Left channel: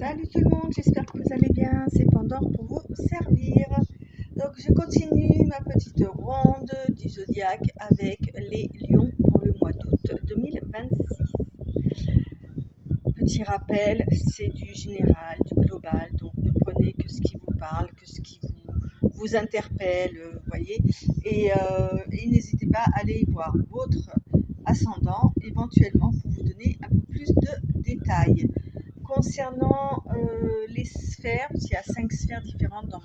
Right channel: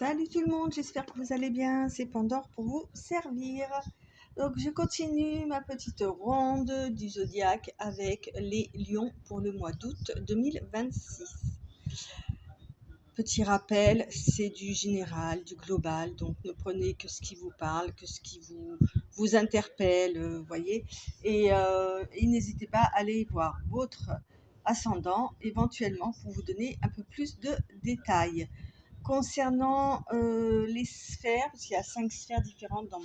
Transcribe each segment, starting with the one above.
Salut tout le monde, j'espère que vous allez bien. C'est Pandore pour vous servir. Donc je continue ma petite ronde du zodiaque avec les lions pour le mois d'août 2026. Petit rappel, c'est du général, du global, donc ne prenez que ce qui vous parle, que ce qui vous interpelle, voyez. Et n'hésitez pas à aller voir votre ascendant éventuellement pour vous donner un peu plus de détails. Concernant les sphères, parce qu'il y a 5 sphères différentes dans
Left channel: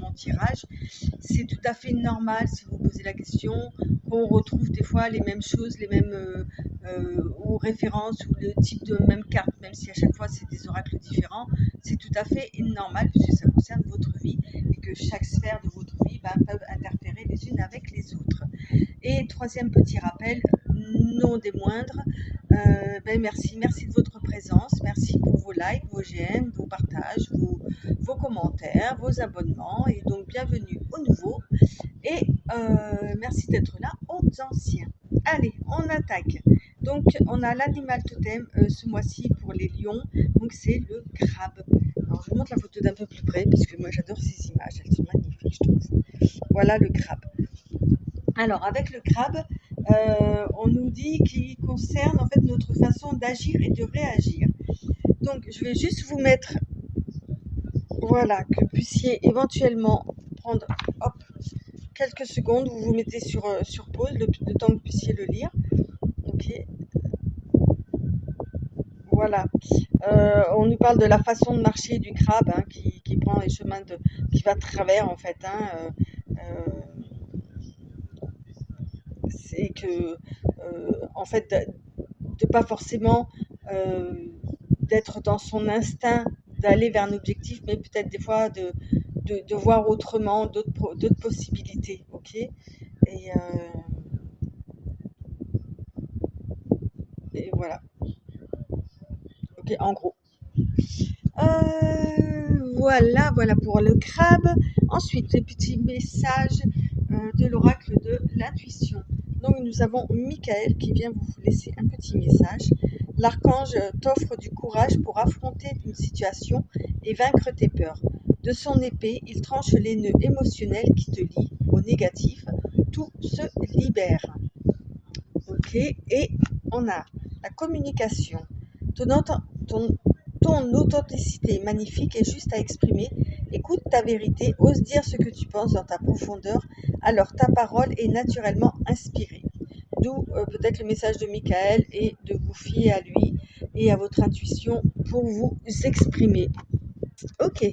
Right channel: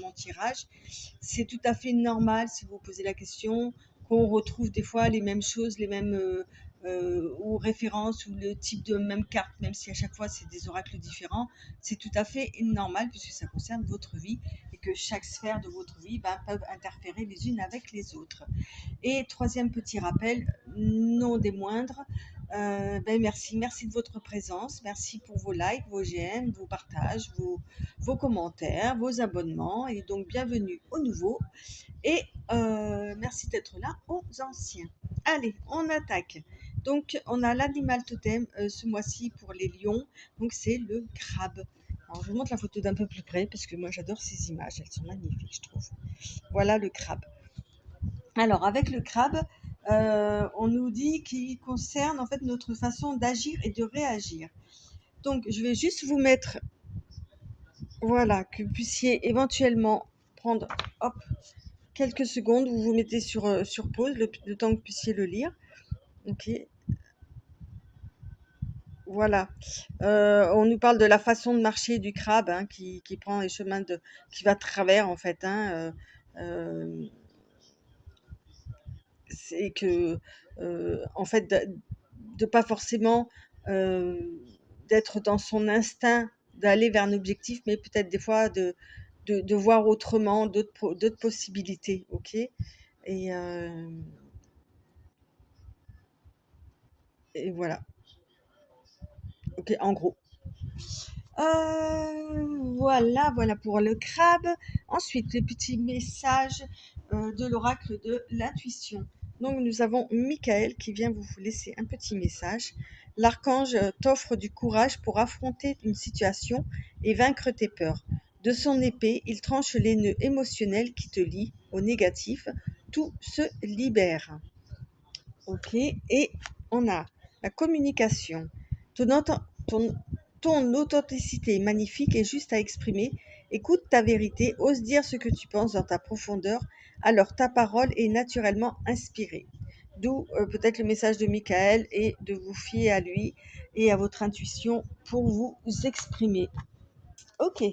mon tirage, c'est tout à fait normal si vous posez la question qu'on retrouve des fois les mêmes choses, les mêmes ou références ou le type de même carte, même si à chaque fois c'est des oracles différents. C'est tout à fait normal puisque ça concerne votre vie et que chaque sphère de votre vie peuvent interférer les unes avec les autres. Et troisième petit rappel, non des moindres, merci de votre présence, merci pour vos likes, vos j'aime, vos partages, vos commentaires, vos abonnements, et donc bienvenue aux nouveaux, et merci d'être là aux anciens. Allez, on attaque. Donc on a l'animal totem ce mois-ci pour les lions, donc c'est le crabe. Alors je vous montre la photo d'un peu plus près parce que moi j'adore ces images, elles sont magnifiques je trouve. Voilà le crabe. Alors, avec le crabe, on nous dit qu'il concerne en fait notre façon d'agir et de réagir. Donc, je vais juste vous mettre, voilà, que vous puissiez éventuellement prendre, hop, quelques secondes. Vous vous mettez sur pause le temps que vous puissiez le lire. Ok, voilà. On nous parle de la façon de marcher du crabe hein, qui prend les chemins qui va de travers en fait. C'est que en fait de pas forcément d'être dans son instinct d'aller vers un objectif, mais peut-être des fois de voir autrement, d'autres possibilités, ok. Et, euh, et voilà, ok, en gros. Voilà pour le crabe. Ensuite, les petits messages de l'oracle de l'intuition. Donc, nous avons Michael qui vient vous laisser un petit message. L'archange t'offre du courage pour affronter une situation et vaincre tes peurs. De son épée, il tranche les nœuds émotionnels qui te lient au négatif. Tout se libère. Ok, et on a la communication. Ton, ton, ton authenticité est magnifique et juste à exprimer. Écoute ta vérité, ose dire ce que tu penses dans ta profondeur, alors ta parole est naturellement inspirée. D'où peut-être le message de Michael et de vous fier à lui et à votre intuition pour vous exprimer. Ok,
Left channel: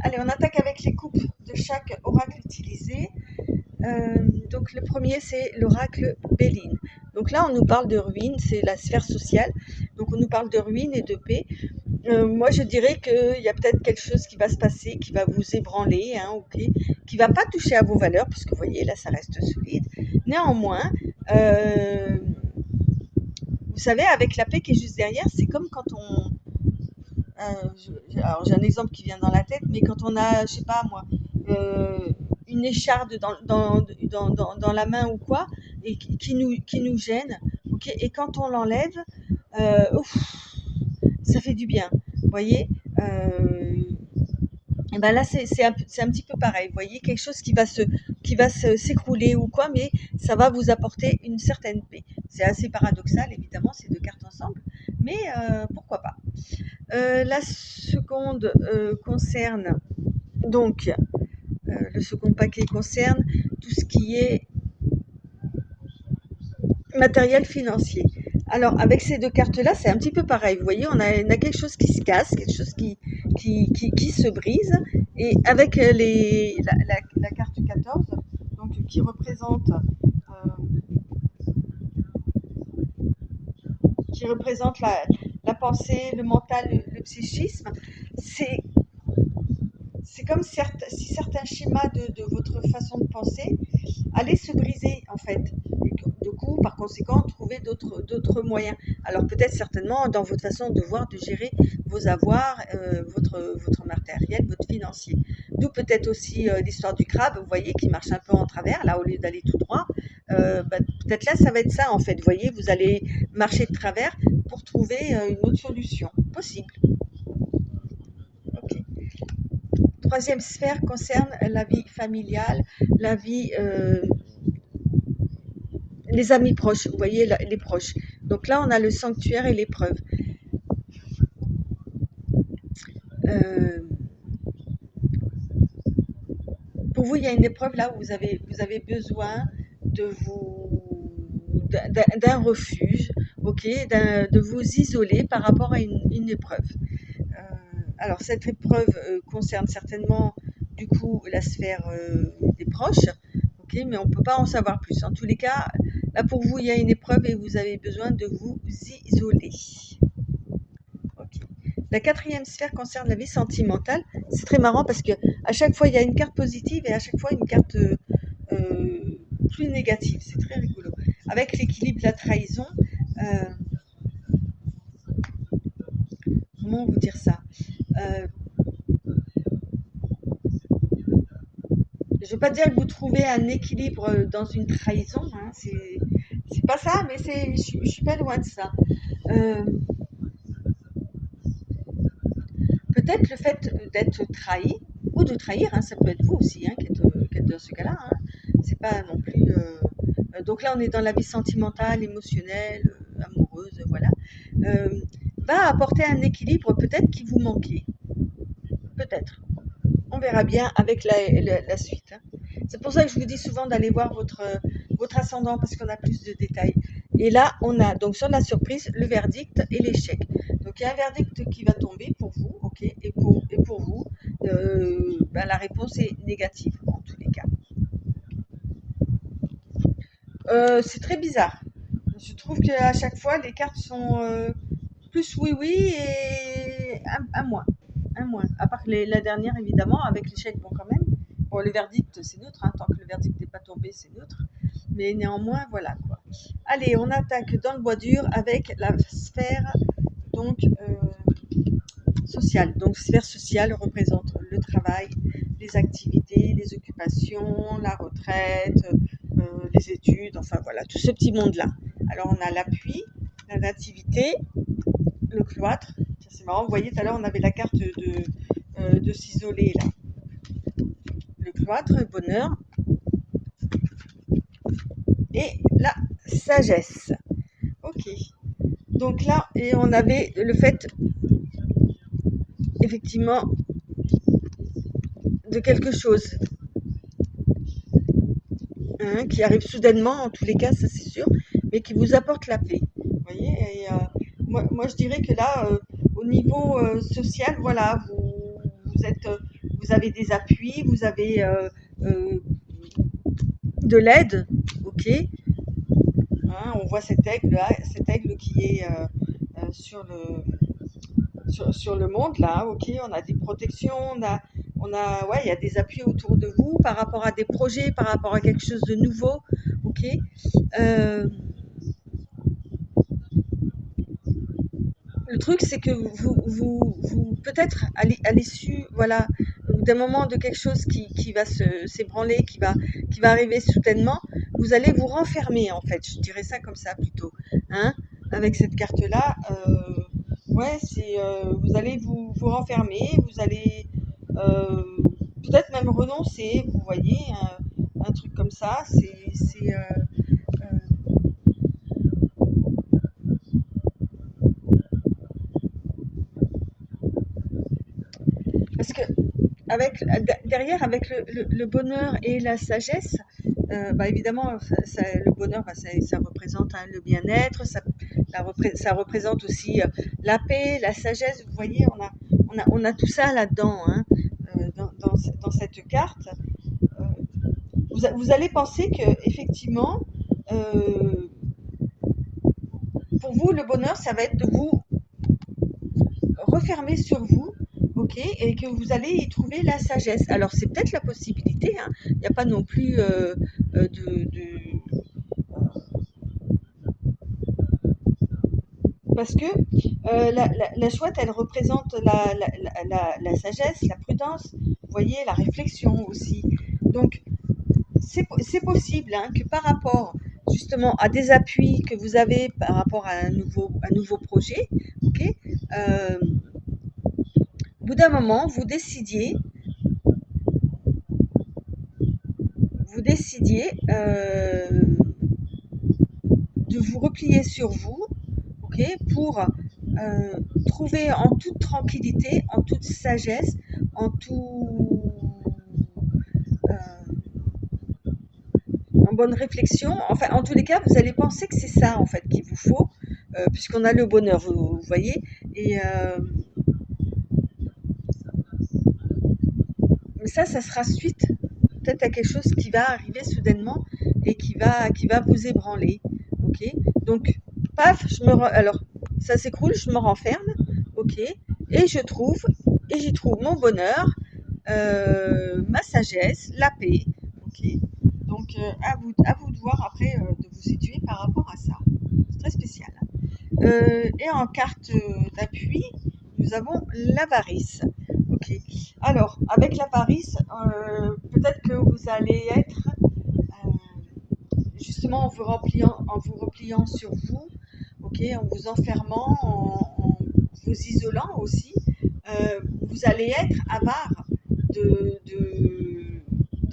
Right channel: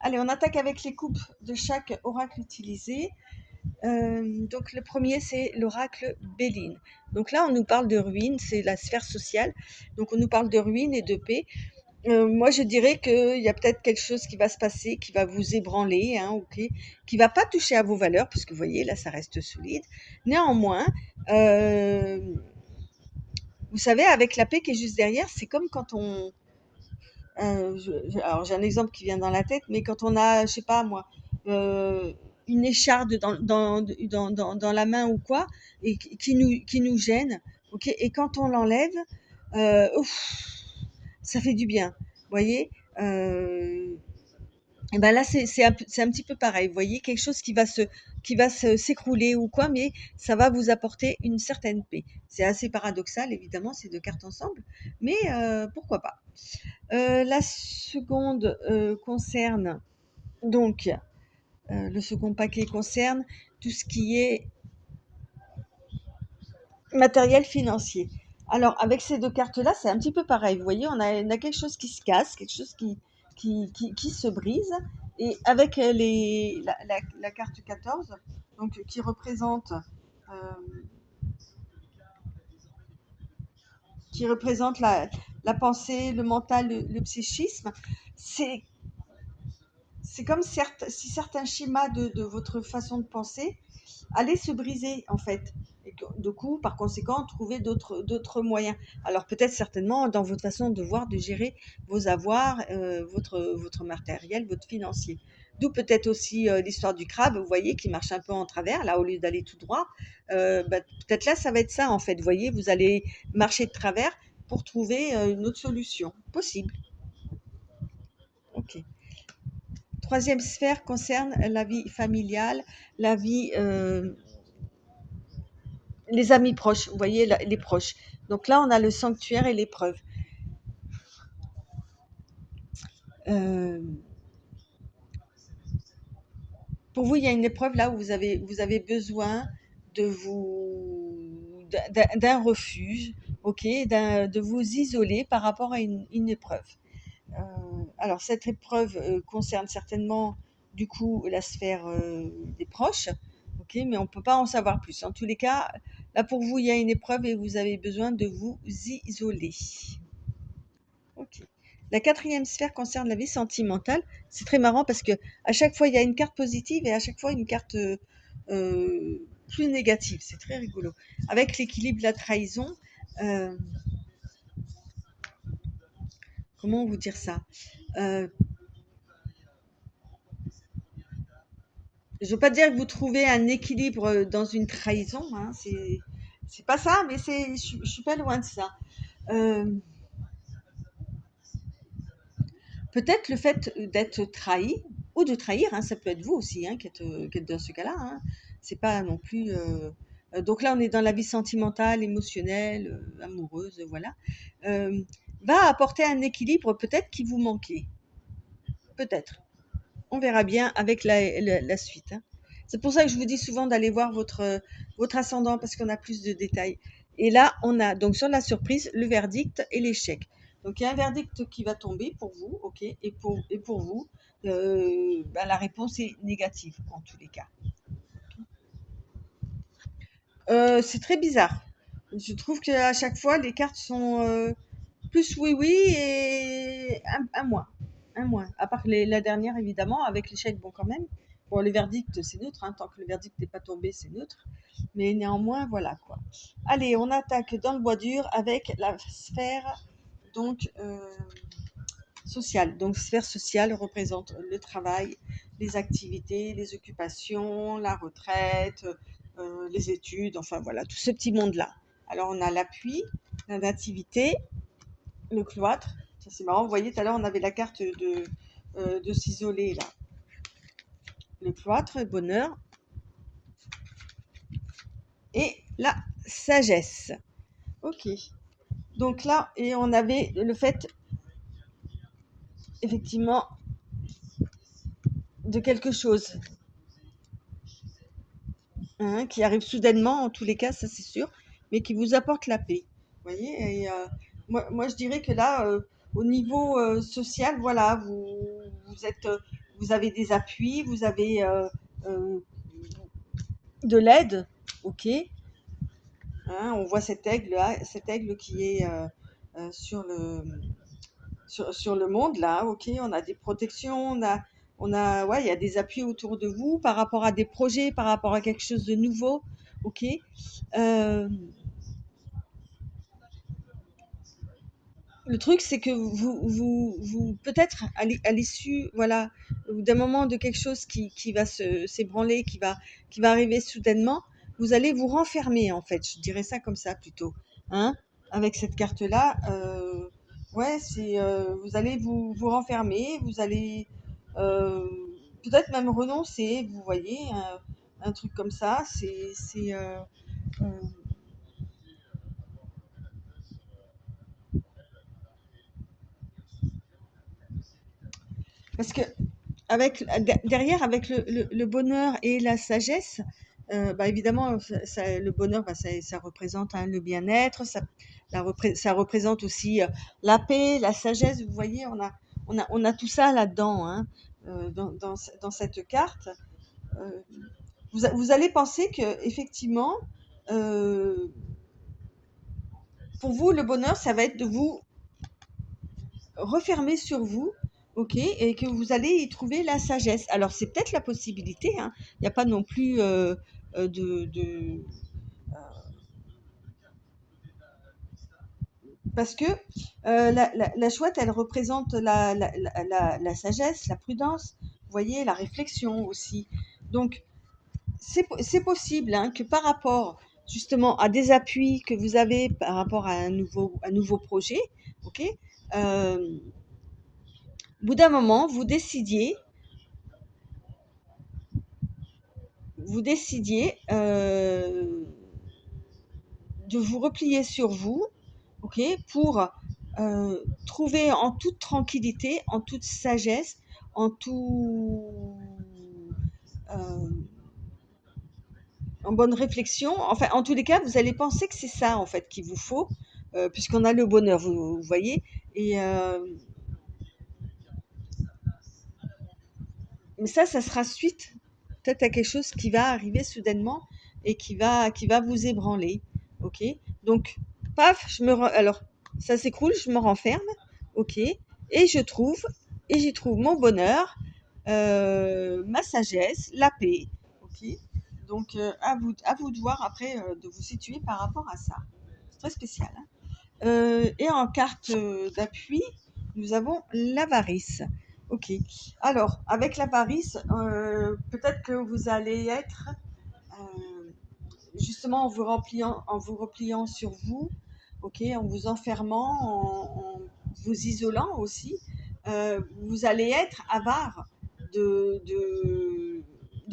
allez, on attaque avec les coupes de chaque oracle utilisé. Donc le premier, c'est l'oracle Béline. Donc là, on nous parle de ruines, c'est la sphère sociale. Donc on nous parle de ruines et de paix. Moi, je dirais qu'il y a peut-être quelque chose qui va se passer, qui va vous ébranler, hein, okay, qui va pas toucher à vos valeurs, parce que vous voyez, là, ça reste solide. Néanmoins, vous savez, avec la paix qui est juste derrière, c'est comme quand on... alors, j'ai un exemple qui vient dans la tête, mais quand on a, je sais pas moi, une écharde dans la main ou quoi, et qui nous gêne, ok, et quand on l'enlève, ouf, ça fait du bien, vous voyez. Et ben là, c'est un petit peu pareil. Vous voyez, quelque chose s'écrouler ou quoi, mais ça va vous apporter une certaine paix. C'est assez paradoxal, évidemment, ces deux cartes ensemble, mais pourquoi pas. La seconde concerne donc le second paquet concerne tout ce qui est matériel financier. Alors, avec ces deux cartes-là, c'est un petit peu pareil. Vous voyez, on a quelque chose qui se casse, quelque chose qui se brise. Et avec la carte 14, donc, qui représente la pensée, le mental, le psychisme, c'est comme si certains schémas de votre façon de penser allaient se briser, en fait. Et du coup, par conséquent, trouver d'autres moyens. Alors peut-être certainement dans votre façon de voir, de gérer vos avoirs, votre matériel, votre financier. D'où peut-être aussi l'histoire du crabe, vous voyez, qui marche un peu en travers, là, au lieu d'aller tout droit. Peut-être là, ça va être ça, en fait. Vous voyez, vous allez marcher de travers pour trouver une autre solution possible. Troisième sphère concerne la vie familiale, la vie, les amis proches, vous voyez, les proches. Donc là, on a le sanctuaire et l'épreuve. Euh, pour vous, il y a une épreuve là où vous avez besoin de d'un refuge, ok, de vous isoler par rapport à une épreuve. Alors cette épreuve concerne certainement du coup la sphère des proches, ok, mais on ne peut pas en savoir plus. En tous les cas, là pour vous, il y a une épreuve et vous avez besoin de vous isoler. Ok. La quatrième sphère concerne la vie sentimentale. C'est très marrant parce que à chaque fois il y a une carte positive et à chaque fois une carte plus négative. C'est très rigolo. Avec l'équilibre, la trahison. euh, Comment vous dire ça? Euh, Je ne veux pas dire que vous trouvez un équilibre dans une trahison, hein, c'est pas ça, mais je suis pas loin de ça. Euh, Peut-être le fait d'être trahi ou de trahir, hein, ça peut être vous aussi qui êtes dans ce cas-là. Hein. C'est pas non plus. Donc là, on est dans la vie sentimentale, émotionnelle, amoureuse, voilà. Euh, Va apporter un équilibre peut-être qui vous manquait, peut-être. On verra bien avec la suite. Hein. C'est pour ça que je vous dis souvent d'aller voir votre ascendant parce qu'on a plus de détails. Et là, on a donc sur la surprise le verdict et l'échec. Donc il y a un verdict qui va tomber pour vous, ok, et pour vous, ben, la réponse est négative en tous les cas. C'est très bizarre. Je trouve qu'à chaque fois, les cartes sont plus oui oui et un moins. Un moins. À part la dernière, évidemment, avec l'échec, bon quand même. Bon, le verdict, c'est neutre, hein, tant que le verdict n'est pas tombé, c'est neutre. Mais néanmoins, voilà quoi. Allez, on attaque dans le bois dur avec la sphère donc sociale. Donc sphère sociale représente le travail, les activités, les occupations, la retraite, les études, enfin voilà, tout ce petit monde-là. Alors on a l'appui, la nativité, le cloître. C'est marrant, vous voyez, tout à l'heure on avait la carte de s'isoler là. Le cloître, bonheur, et la sagesse. Ok. Donc là, et on avait le fait, effectivement, de quelque chose hein, qui arrive soudainement, en tous les cas, ça c'est sûr, mais qui vous apporte la paix. Vous voyez, et moi, je dirais que là, au niveau social, voilà, vous êtes, vous avez des appuis, vous avez euh, de l'aide, ok. Hein, on voit cet aigle qui est sur sur le monde là, ok. On a des protections, ouais, il y a des appuis autour de vous par rapport à des projets, par rapport à quelque chose de nouveau, ok. Euh, le truc, c'est que vous peut-être à l'issue, voilà, d'un moment de quelque chose qui va s'ébranler, qui va arriver soudainement, vous allez vous renfermer, en fait. Je dirais ça comme ça plutôt, hein, avec cette carte-là. Ouais, vous allez vous renfermer, vous allez euh, peut-être même renoncer, vous voyez, un truc comme ça. Euh, Parce que derrière, avec le bonheur et la sagesse, bah évidemment, le bonheur, bah, ça représente hein, le bien-être, ça représente aussi la paix, la sagesse. Vous voyez, on a tout ça là-dedans, hein, dans cette carte. Euh, vous allez penser que effectivement, euh, pour vous, le bonheur, ça va être de vous refermer sur vous, ok, et que vous allez y trouver la sagesse. Alors c'est peut-être la possibilité, hein. Il n'y a pas non plus parce que la chouette, elle représente la sagesse, la prudence, vous voyez, la réflexion aussi. Donc c'est possible hein, que par rapport justement à des appuis que vous avez par rapport à un nouveau projet, ok, au bout d'un moment, vous décidiez vous décidiez de vous replier sur vous, ok, pour trouver en toute tranquillité, en toute sagesse, en euh, en bonne réflexion. Enfin, en tous les cas, vous allez penser que c'est ça en fait qu'il vous faut, puisqu'on a le bonheur, vous voyez. Et mais ça sera suite peut-être à quelque chose qui va arriver soudainement et qui va vous ébranler. Ok. Donc, paf, alors ça s'écroule, je me renferme. Ok. Et j'y trouve mon bonheur, ma sagesse, la paix. Ok. Donc, à vous de voir après, de vous situer par rapport à ça. C'est très spécial, hein. Et en carte d'appui, nous avons l'avarice. Ok. Alors, avec l'avarice, peut-être que vous allez être justement en vous repliant sur vous, ok, en vous enfermant, en vous isolant aussi, vous allez être avare de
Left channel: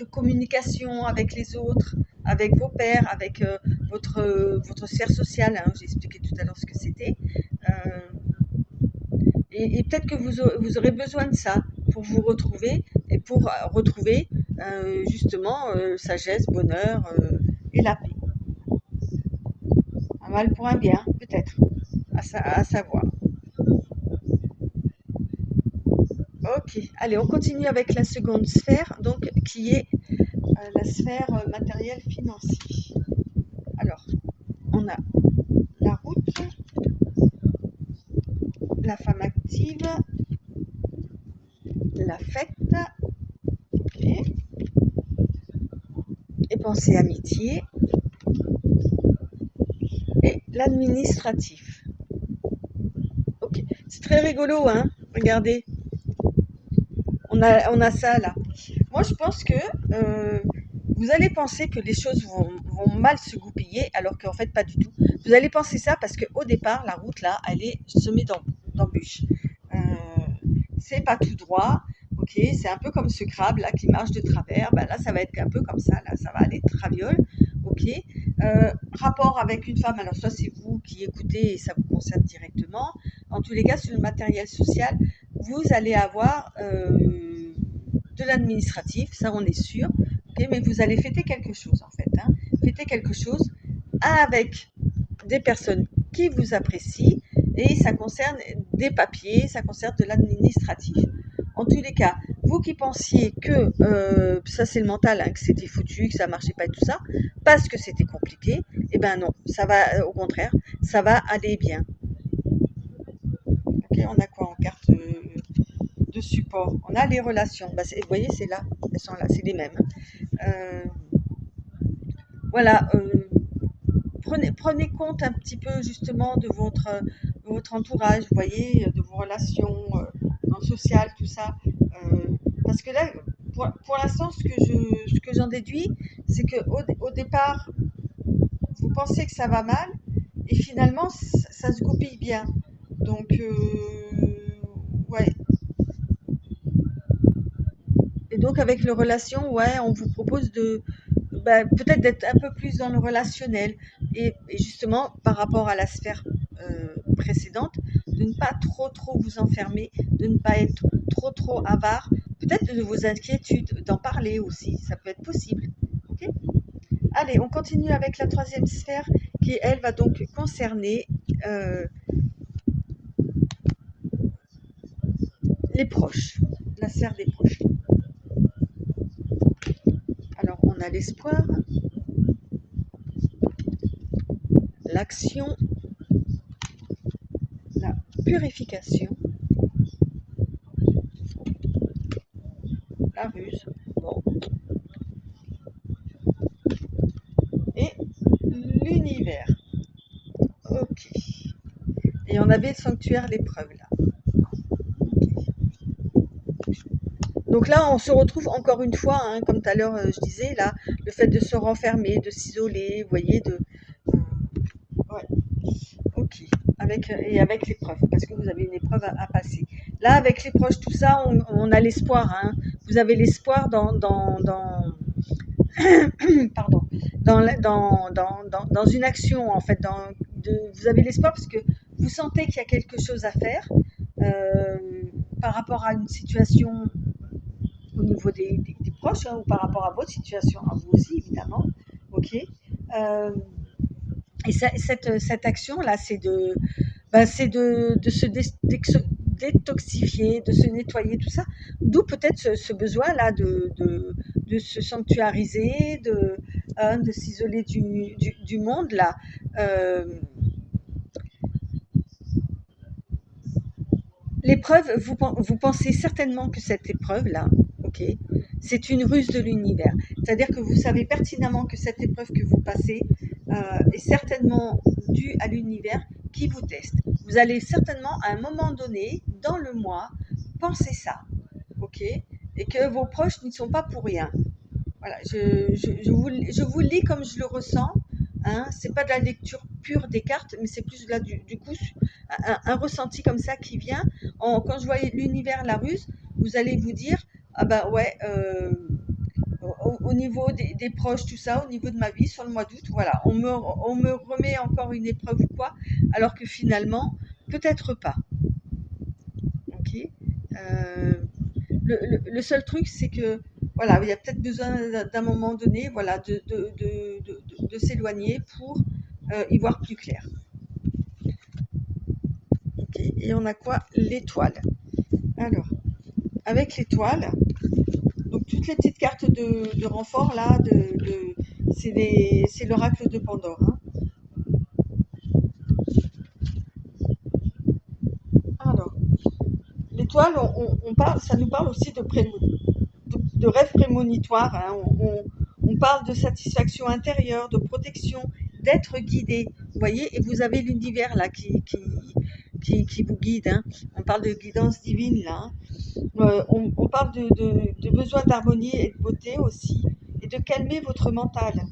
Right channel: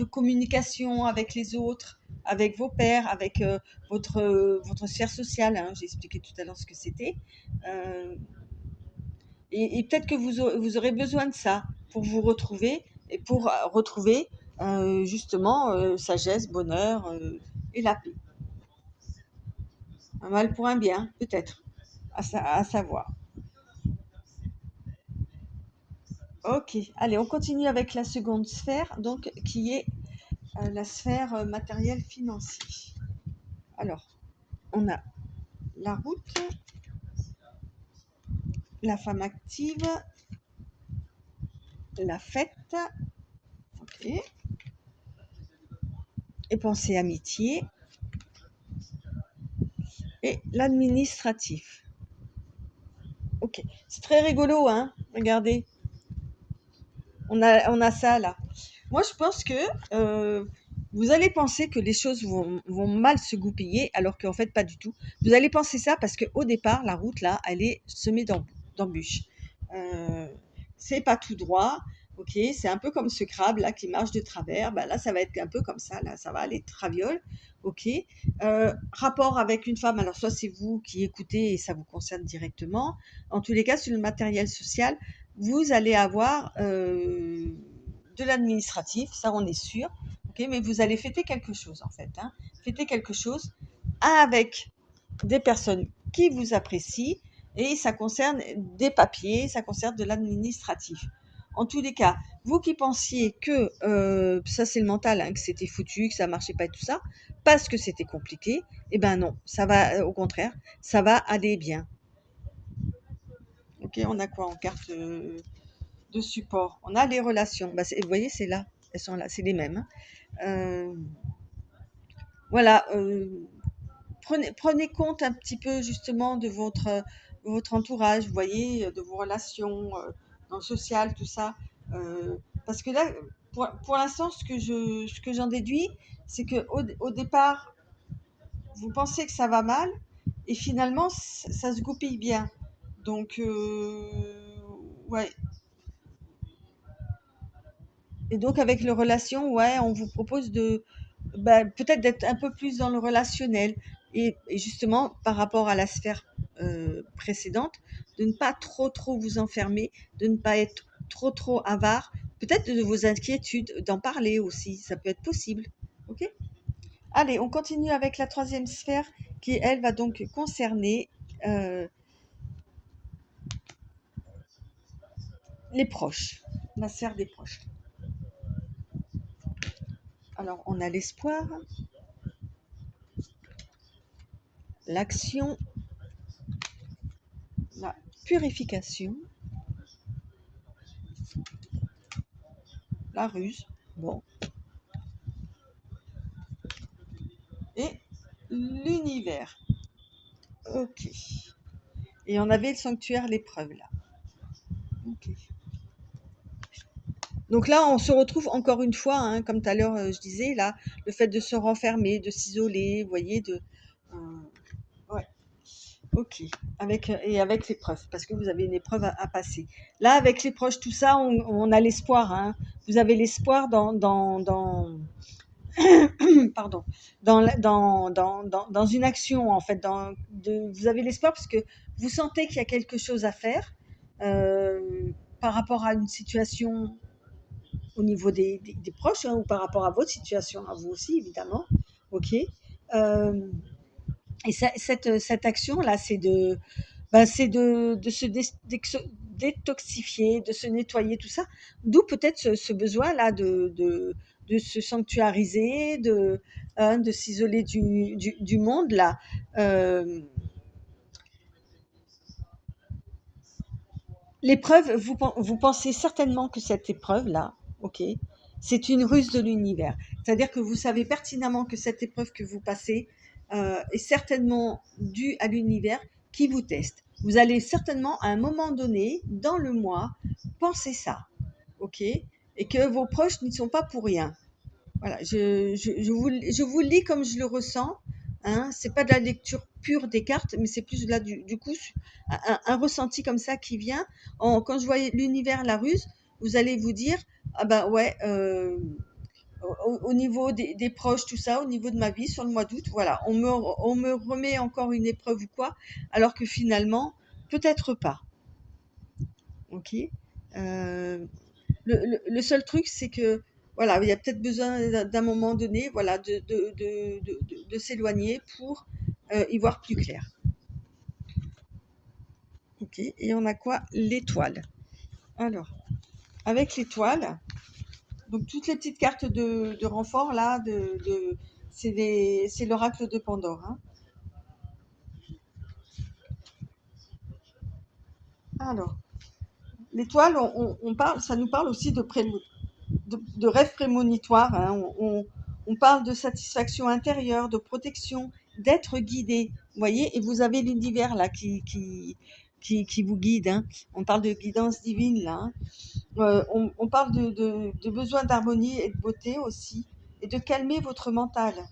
communication avec les autres, avec vos pairs, avec votre sphère sociale, hein. J'ai expliqué tout à l'heure ce que c'était. Euh, et peut-être que vous aurez besoin de ça pour vous retrouver et pour retrouver justement sagesse, bonheur et la paix. Un mal pour un bien, peut-être, à savoir. Ok, allez, on continue avec la seconde sphère, donc qui est la sphère matérielle financière. Alors, on a la route, la femme active, la fête, ok, et pensée amitié, et l'administratif. Ok, c'est très rigolo, hein. Regardez, on a ça là. Moi, je pense que vous allez penser que les choses vont mal se goupiller, alors qu'en fait, pas du tout. Vous allez penser ça parce qu'au départ, la route là, elle est semée d'embûches. Euh, c'est pas tout droit. Ok, c'est un peu comme ce crabe là qui marche de travers. Ben là, ça va être un peu comme ça. Là, ça va aller traviole. Ok. Rapport avec une femme. Alors, soit c'est vous qui écoutez et ça vous concerne directement. En tous les cas, sur le matériel social, vous allez avoir de l'administratif, ça on est sûr, ok, mais vous allez fêter quelque chose en fait, hein, fêter quelque chose avec des personnes qui vous apprécient et ça concerne des papiers, ça concerne de l'administratif. En tous les cas, vous qui pensiez que ça c'est le mental, hein, que c'était foutu, que ça marchait pas et tout ça, parce que c'était compliqué, eh ben non, ça va au contraire, ça va aller bien. Ok, on a quoi en carte de support? On a les relations. Bah, vous voyez, c'est là, elles sont là, c'est les mêmes, hein. Voilà, prenez compte un petit peu justement de votre entourage, vous voyez, de vos relations dans le social, tout ça. Parce que là, pour l'instant, ce que j'en déduis, c'est qu'au départ, vous pensez que ça va mal, et finalement, ça se goupille bien. Donc, ouais. Et donc, avec les relations, ouais, on vous propose peut-être d'être un peu plus dans le relationnel. Et justement, par rapport à la sphère précédente, de ne pas trop, trop vous enfermer, de ne pas être trop, trop avare. Peut-être de vos inquiétudes, d'en parler aussi, ça peut être possible. Ok. Allez, on continue avec la troisième sphère qui, elle, va donc concerner euh, les proches, la sphère des proches. Alors, on a l'espoir, l'action, la purification, la ruse, bon, et l'univers. Ok. Et on avait le sanctuaire, l'épreuve là. Ok. Donc là, on se retrouve encore une fois, hein, comme tout à l'heure je disais, là, le fait de se renfermer, de s'isoler, vous voyez, ouais, ok. Et avec l'épreuve, parce que vous avez une épreuve à passer. Là, avec les proches, tout ça, on a l'espoir, hein. Vous avez l'espoir dans pardon, dans une action, en fait, vous avez l'espoir parce que vous sentez qu'il y a quelque chose à faire euh, par rapport à une situation au niveau des proches, hein, ou par rapport à votre situation, à vous aussi, évidemment. OK. Euh, et cette action-là, c'est de se détoxifier, de se nettoyer, tout ça. D'où peut-être ce besoin-là de se sanctuariser, hein, de s'isoler du monde, là. Euh, L'épreuve, vous pensez certainement que cette épreuve-là, ok, c'est une ruse de l'univers. C'est-à-dire que vous savez pertinemment que cette épreuve que vous passez est certainement due à l'univers qui vous teste. Vous allez certainement, à un moment donné, dans le mois, penser ça, ok, et que vos proches n'y sont pas pour rien. Voilà, je vous le lis comme je le ressens. Hein, c'est pas de la lecture pure des cartes, mais c'est plus là du coup un ressenti comme ça qui vient. Quand je voyais l'univers, la ruse, vous allez vous dire ah ben ouais, au niveau des proches, tout ça, au niveau de ma vie sur le mois d'août, voilà, on me remet encore une épreuve ou quoi, alors que finalement peut-être pas. Ok. Euh, le seul truc, c'est que voilà, il y a peut-être besoin d'un moment donné, voilà, de s'éloigner pour y voir plus clair. Ok. Et on a quoi? L'étoile. Alors, avec l'étoile, donc toutes les petites cartes de renfort là, c'est l'oracle de Pandore. Hein. Alors, l'étoile, on parle, ça nous parle aussi de rêves prémonitoires. Hein. On parle de satisfaction intérieure, de protection, d'être guidé. Vous voyez, et vous avez l'univers là qui vous guide. Hein. On parle de guidance divine là. Hein. On parle de besoin d'harmonie et de beauté aussi, et de calmer votre mental.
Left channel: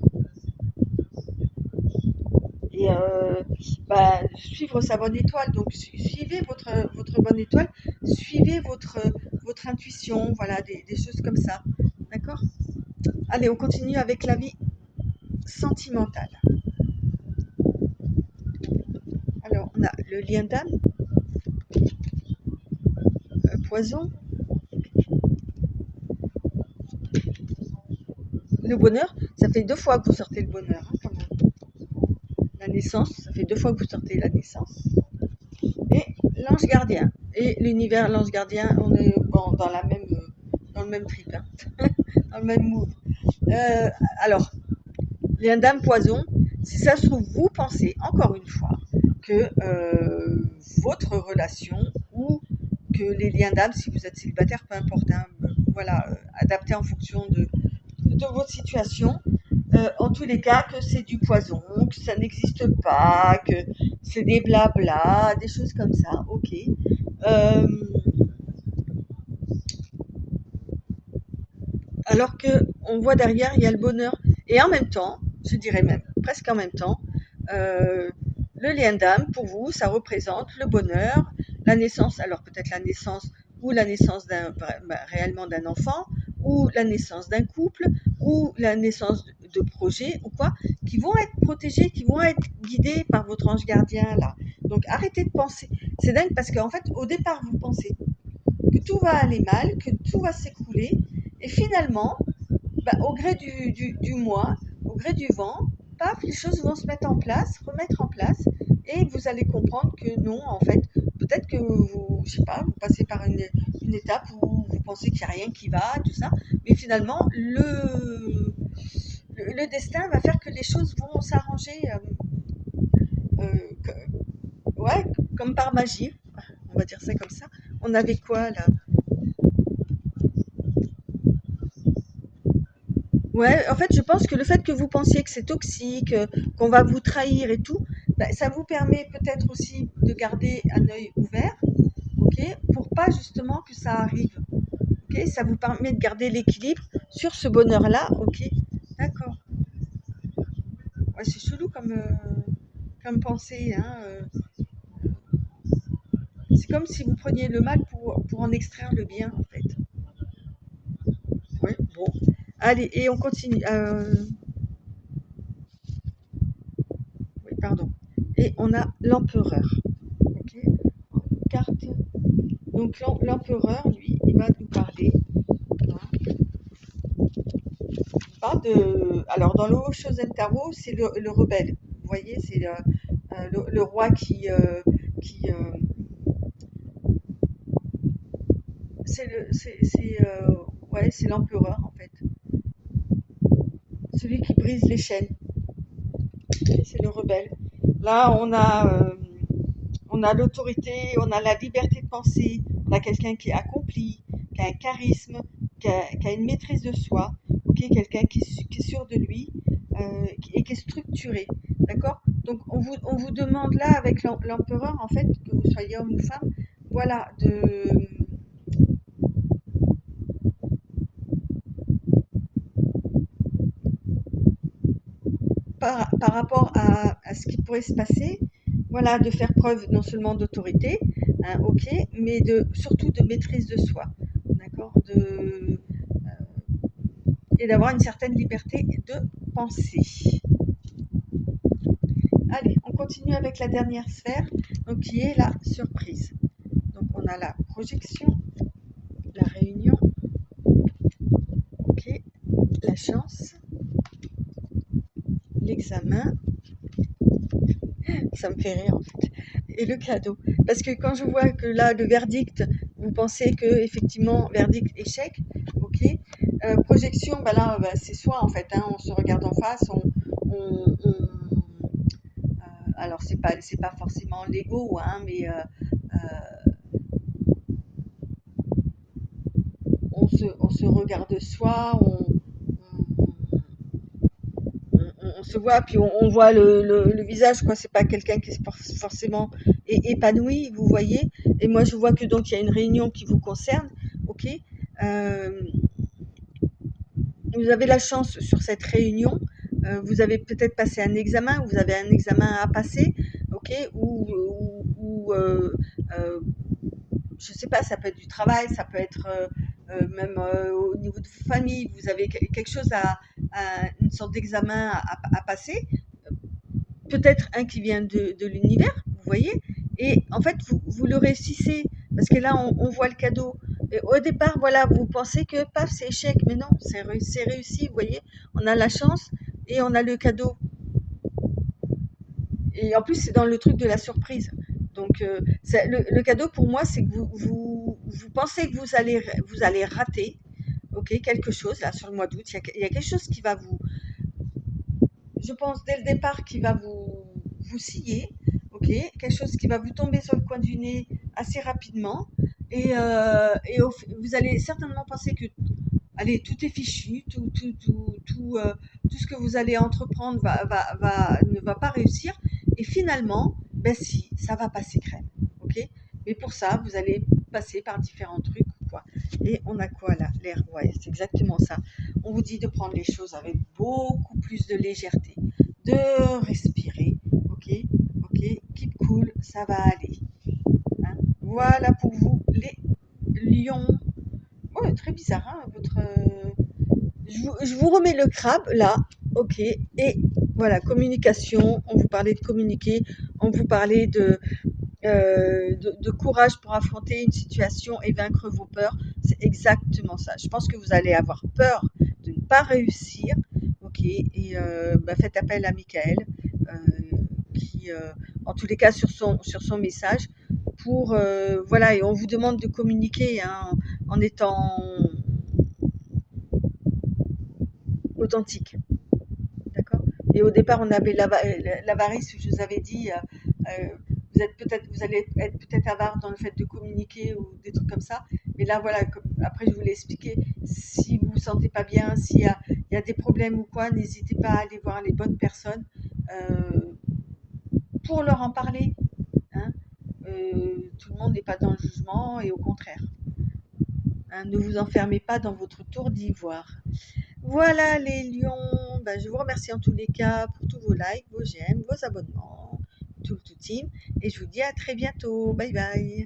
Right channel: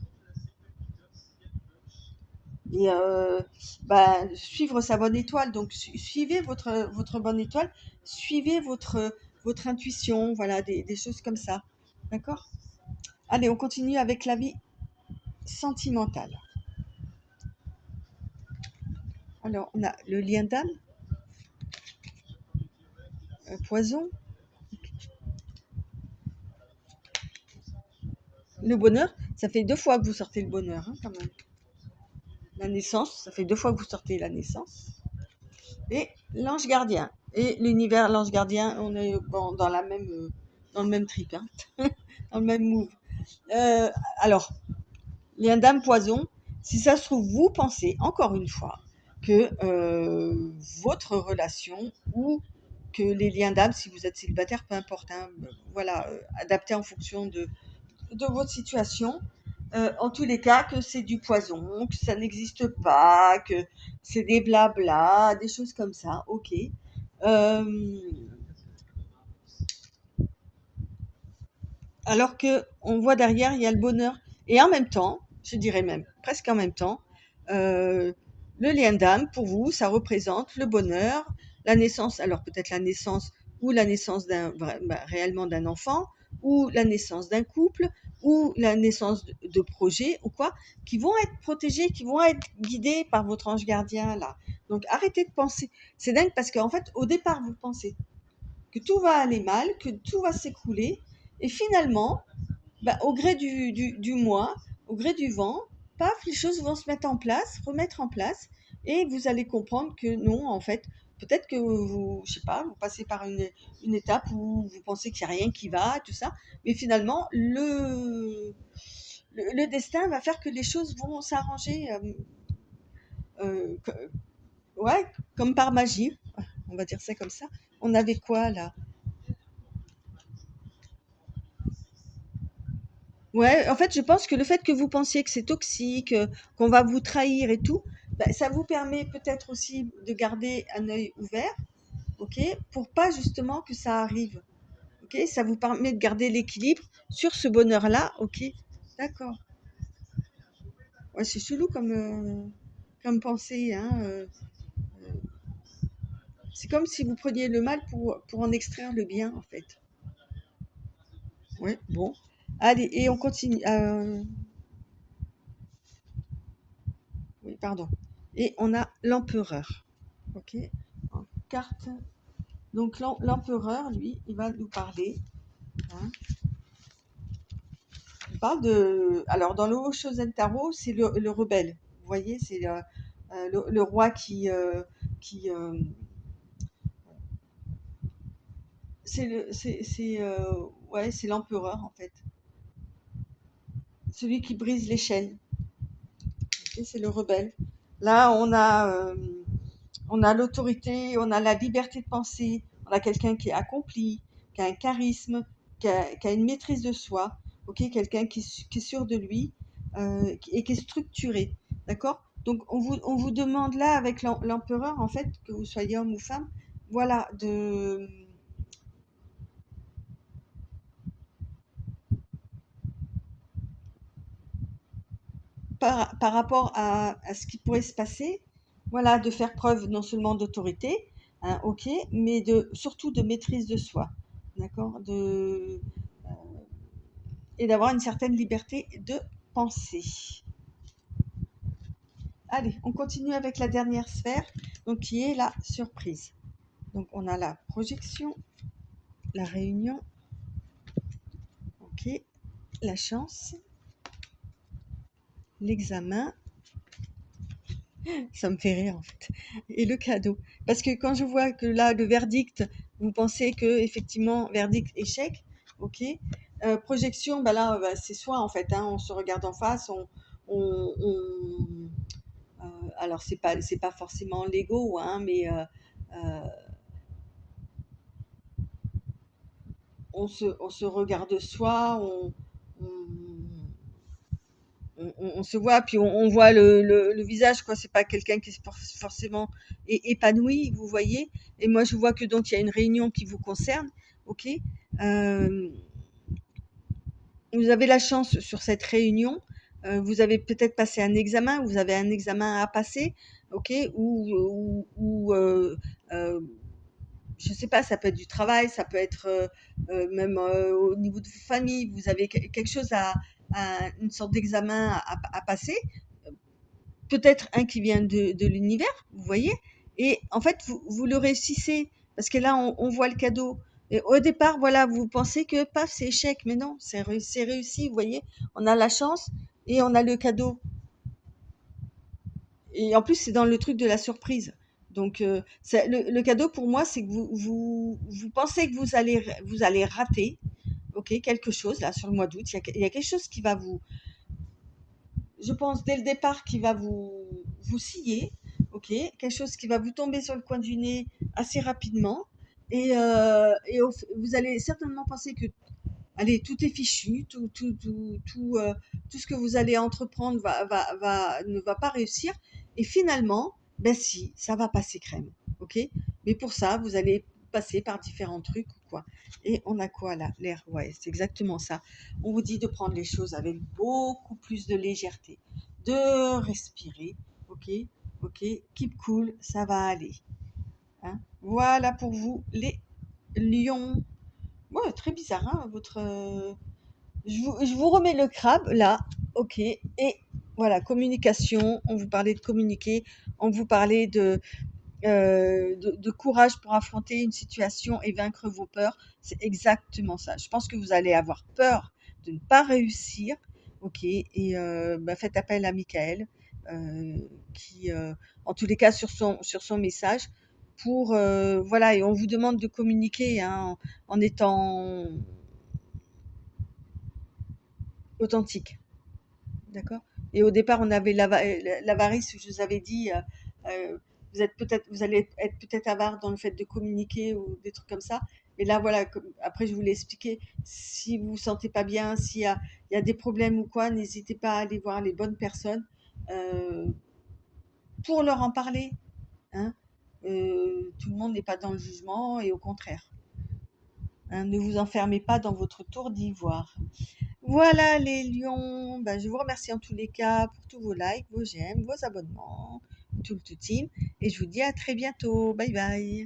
Et bah, suivre sa bonne étoile. Donc suivez votre bonne étoile, suivez votre intuition, voilà, des choses comme ça. D'accord? Allez, on continue avec la vie sentimentale. Alors, on a le lien d'âme, poison, le bonheur. Ça fait 2 fois que vous sortez le bonheur, hein, quand même. La naissance, ça fait 2 fois que vous sortez la naissance. Et l'ange gardien. Et l'univers, l'ange gardien, on est bon, dans le même trip, hein, dans le même move. Euh, alors, lien d'âme poison, si ça se trouve, vous pensez encore une fois que votre relation ou que les liens d'âme, si vous êtes célibataire, peu importe, hein, voilà, adapté en fonction de votre situation, en tous les cas, que c'est du poison, que ça n'existe pas, que c'est des blabla, des choses comme ça, ok. Euh, alors que on voit derrière, il y a le bonheur. Et en même temps, je dirais même presque en même temps, euh, le lien d'âme, pour vous, ça représente le bonheur, la naissance, alors peut-être la naissance ou la naissance réellement d'un enfant, ou la naissance d'un couple, ou la naissance de projets, ou quoi, qui vont être protégés, qui vont être guidés par votre ange gardien, là. Donc arrêtez de penser. C'est dingue parce qu'en fait, au départ, vous pensez que tout va aller mal, que tout va s'écrouler, et finalement, bah, au gré du mois, au gré du vent, paf, les choses vont se mettre en place, remettre en place, et vous allez comprendre que non, en fait, peut-être que vous, je sais pas, vous passez par une étape où vous pensez qu'il n'y a rien qui va, tout ça, mais finalement, le destin va faire que les choses vont s'arranger, ouais, comme par magie, on va dire ça comme ça. On avait quoi là? Ouais, en fait, je pense que le fait que vous pensiez que c'est toxique, qu'on va vous trahir et tout, bah, ça vous permet peut-être aussi de garder un œil ouvert, ok, pour pas justement que ça arrive, ok, ça vous permet de garder l'équilibre sur ce bonheur-là, ok, d'accord. Ouais, c'est chelou comme pensée, hein. C'est comme si vous preniez le mal pour en extraire le bien, en fait. Ouais, bon. Allez, et on continue. Oui, pardon. Et on a l'empereur. Ok. Carte. Donc l'empereur, lui, il va nous parler. Hein, il parle de. Alors dans le Haut-Shosen Tarot, c'est le rebelle. Vous voyez, c'est le roi qui ouais, c'est l'empereur en fait, celui qui brise les chaînes. Et c'est le rebelle. Là, on a l'autorité, on a la liberté de penser, on a quelqu'un qui est accompli, qui a un charisme, qui a une maîtrise de soi, ok, quelqu'un qui est sûr de lui et qui est structuré, d'accord. Donc on vous demande là avec l'empereur en fait, que vous soyez homme ou femme, voilà, par rapport à ce qui pourrait se passer, voilà, de faire preuve non seulement d'autorité, hein, ok, mais surtout de maîtrise de soi, d'accord, et d'avoir une certaine liberté de penser. Allez, on continue avec la dernière sphère, donc qui est la surprise. Donc on a la projection, la réunion, ok, la chance, l'examen, ça me fait rire en fait, et le cadeau. Parce que quand je vois que là, le verdict, vous pensez que effectivement, verdict, échec, ok. Projection, bah là, bah, c'est soi en fait, hein, on se regarde en face, alors c'est pas forcément l'ego, hein, mais on se regarde soi, on se voit, puis on voit le visage, quoi. C'est pas quelqu'un qui est forcément épanoui, vous voyez. Et moi, je vois que donc il y a une réunion qui vous concerne, ok. Euh, vous avez la chance sur cette réunion. Vous avez peut-être passé un examen, vous avez un examen à passer, ok, euh, je sais pas, ça peut être du travail, ça peut être même au niveau de vos familles, vous avez quelque chose une sorte d'examen à passer, peut-être un qui vient de l'univers, vous voyez, et en fait, vous le réussissez, parce que là, on voit le cadeau. Et au départ, voilà, vous pensez que, paf, c'est échec, mais non, c'est réussi, vous voyez, on a la chance et on a le cadeau. Et en plus, c'est dans le truc de la surprise. Donc, le cadeau pour moi, c'est que vous pensez que vous allez rater, ok, quelque chose là sur le mois d'août. Il y a quelque chose qui va je pense dès le départ, qui va vous scier, ok, quelque chose qui va vous tomber sur le coin du nez assez rapidement. Vous allez certainement penser que, allez, tout est fichu, tout ce que vous allez entreprendre ne va pas réussir. Et finalement, ben si, ça va passer crème. Ok. Mais pour ça, vous allez passer par différents trucs ou quoi. Et on a quoi là? L'air, ouais, c'est exactement ça. On vous dit de prendre les choses avec beaucoup plus de légèreté, de respirer. Ok, ok, keep cool, ça va aller. Hein. Voilà pour vous, les lions. Ouais, très bizarre, hein, votre. Je vous remets le crabe là, ok. Et voilà, communication, on vous parlait de communiquer, on vous parlait de courage pour affronter une situation et vaincre vos peurs. C'est exactement ça. Je pense que vous allez avoir peur de ne pas réussir, ok. Et bah, faites appel à Michael, qui, en tous les cas, sur son message, pour, voilà, et on vous demande de communiquer, hein, en étant authentique. D'accord. Et au départ, on avait l'avarice, je vous avais dit, vous allez être peut-être avare dans le fait de communiquer ou des trucs comme ça. Mais là, voilà, après, je vous l'ai expliqué. Si vous vous sentez pas bien, il y a des problèmes ou quoi, n'hésitez pas à aller voir les bonnes personnes euh, pour leur en parler. Hein. Tout le monde n'est pas dans le jugement et au contraire. Hein, ne vous enfermez pas dans votre tour d'ivoire. Voilà les lions, ben, je vous remercie en tous les cas pour tous vos likes, vos j'aime, vos abonnements, tout le tout team. Et je vous dis à très bientôt. Bye bye.